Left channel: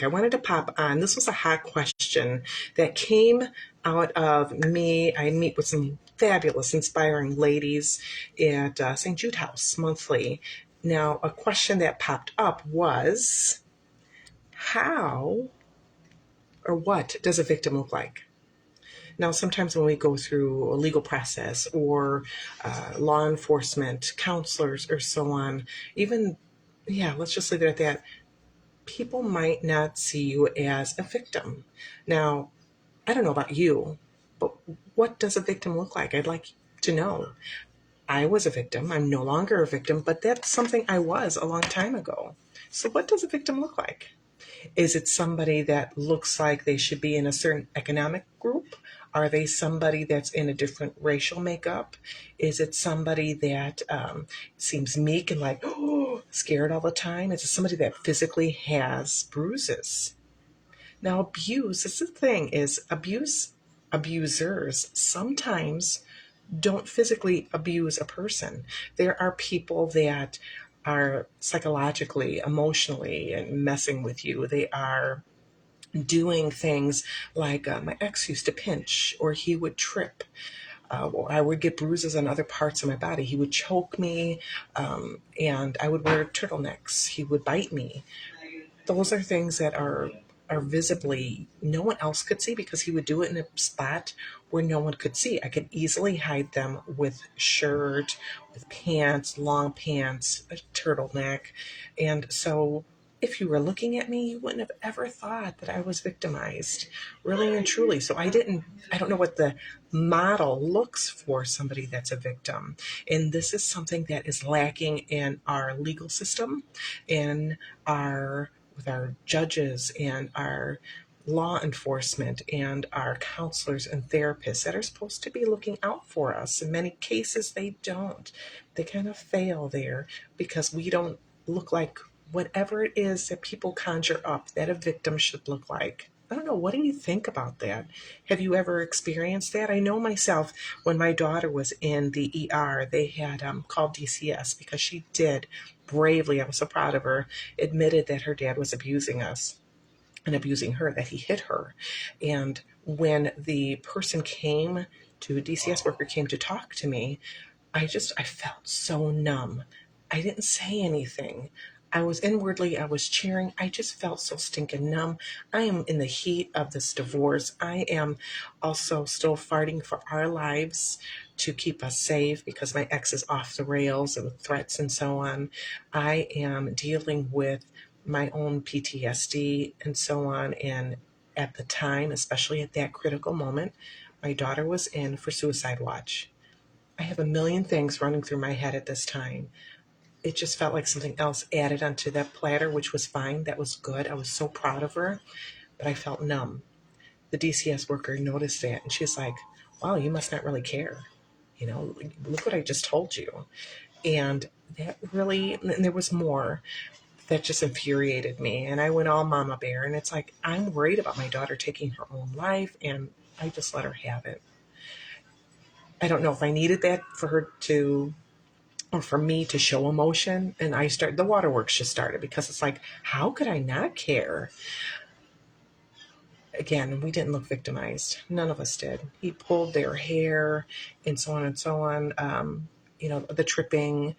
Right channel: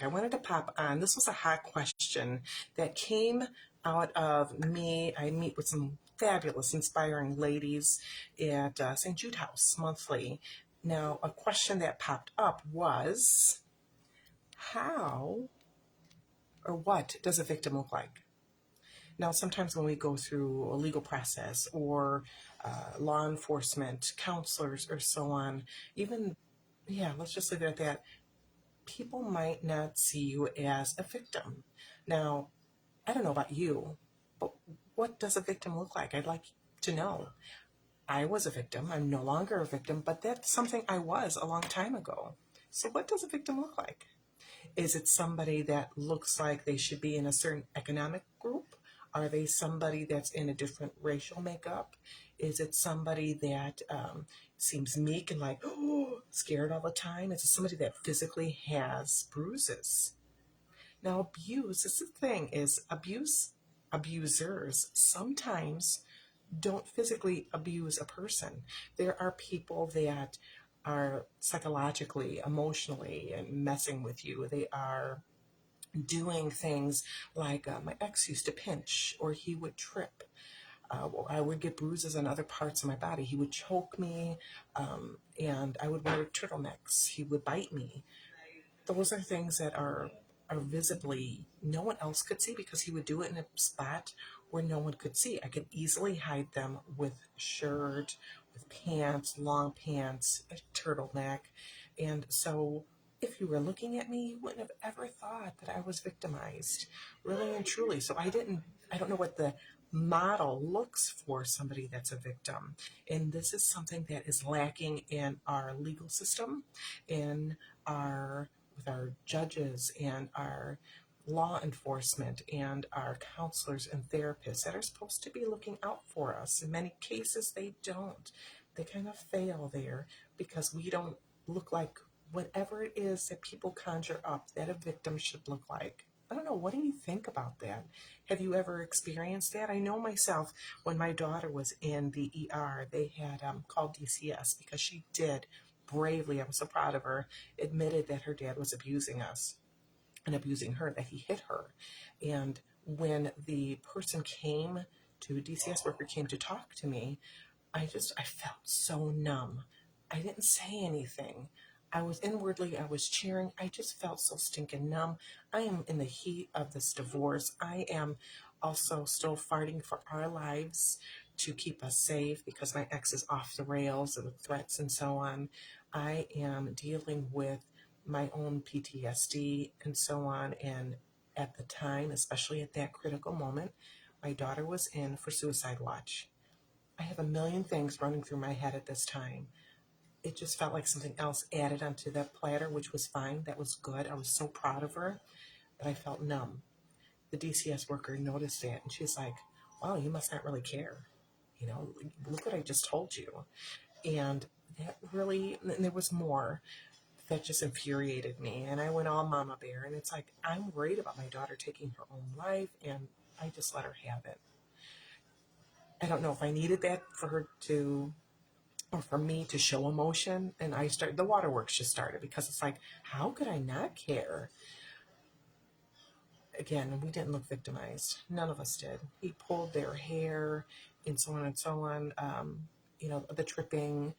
topic I wanted to pop on. This was a hot question that came out of me. I meet with some fabulous, inspiring ladies at St. Jude House monthly. Now, a question that popped up was how or what does a victim look like? Now, sometimes when we go through a legal process or law enforcement, counselors, or so on, even, yeah, let's just leave it at that. People might not see you as a victim. Now, I don't know about you, but what does a victim look like? I'd like to know. I was a victim. I'm no longer a victim, but that's something I was a long time ago. So, what does a victim look like? Is it somebody that looks like they should be in a certain economic group? Are they somebody that's in a different racial makeup? Is it somebody that seems meek and like, oh, scared all the time? Is it somebody that physically has bruises? Now, abuse, this is the thing, is abusers sometimes don't physically abuse a person. There are people that are psychologically, emotionally, and messing with you. They are doing things like my ex used to pinch, or he would trip. Or I would get bruises on other parts of my body. He would choke me, and I would wear turtlenecks. He would bite me. Those are things that are visibly no one else could see because he would do it in a spot where no one could see. I could easily hide them with shirt, with pants, long pants, a turtleneck. And so if you were looking at me, you wouldn't have ever thought that I was victimized, really and truly. So I don't know what the model looks for somebody that's a victim. And this is something that is lacking in our legal system, in our with our judges and our law enforcement and our counselors and therapists that are supposed to be looking out for us. In many cases, they don't. They kind of fail there because we don't look like whatever it is that people conjure up that a victim should look like. I don't know. What do you think about that? Have you ever experienced that? I know myself when my daughter was in the ER, they had called DCS because she did bravely, I was so proud of her, admitted that her dad was abusing us and abusing her, that he hit her. And when the person came to, DCS worker came to talk to me, I felt so numb. I didn't say anything. I was cheering. I just felt so stinking numb. I am in the heat of this divorce. I am also still fighting for our lives to keep us safe because my ex is off the rails and with threats and so on. I am dealing with my own PTSD and so on. And at the time, especially at that critical moment, my daughter was in for suicide watch. I have a million things running through my head at this time. It just felt like something else added onto that platter, which was fine. That was good. I was so proud of her, but I felt numb. The DCS worker noticed that and she's like, wow, you must not really care. Look what I just told you. And that really, and there was more that just infuriated me. And I went all mama bear. And it's like, I'm worried about my daughter taking her own life. And I just let her have it. I don't know if I needed that for her to or for me to show emotion. And the waterworks just started because it's like, how could I not care? Again, we didn't look victimized. None of us did. He pulled their hair and so on and so on. The tripping,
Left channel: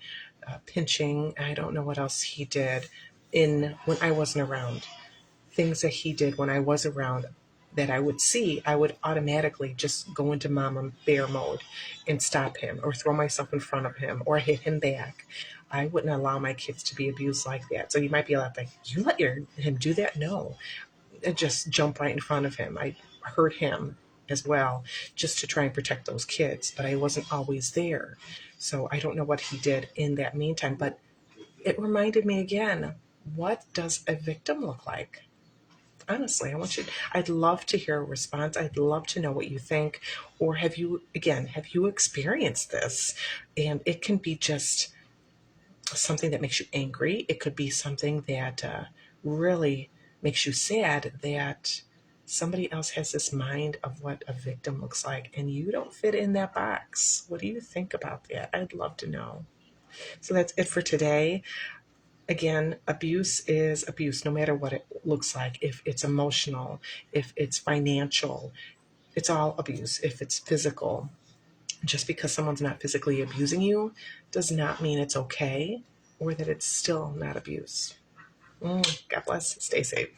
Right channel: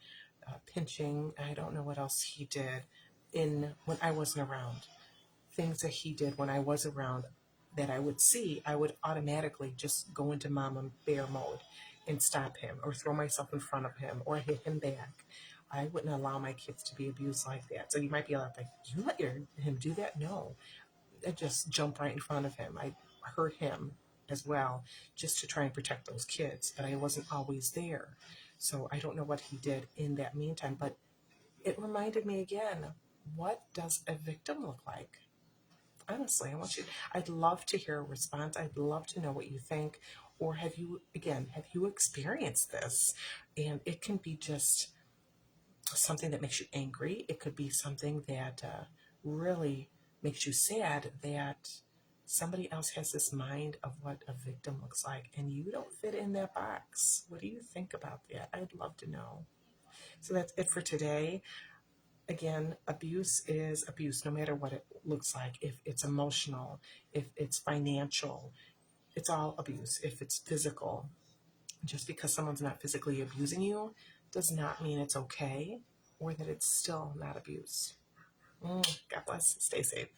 pinching. I don't know what else he did when I wasn't around. Things that he did when I was around that I would see, I would automatically just go into mama bear mode and stop him or throw myself in front of him or hit him back. I wouldn't allow my kids to be abused like that. So you might be like, you let him do that? No. And just jump right in front of him. I hurt him as well just to try and protect those kids, but I wasn't always there. So I don't know what he did in that meantime, but it reminded me again, what does a victim look like? Honestly, I'd love to hear a response. I'd love to know what you think. Or have you experienced this? And it can be just something that makes you angry. It could be something that really makes you sad that somebody else has this mind of what a victim looks like and you don't fit in that box. What do you think about that? I'd love to know. So that's it for today. Again, abuse is abuse, no matter what it looks like. If it's emotional, if it's financial, it's all abuse. If it's physical, just because someone's not physically abusing you does not mean it's okay or that it's still not abuse. God bless. Stay safe.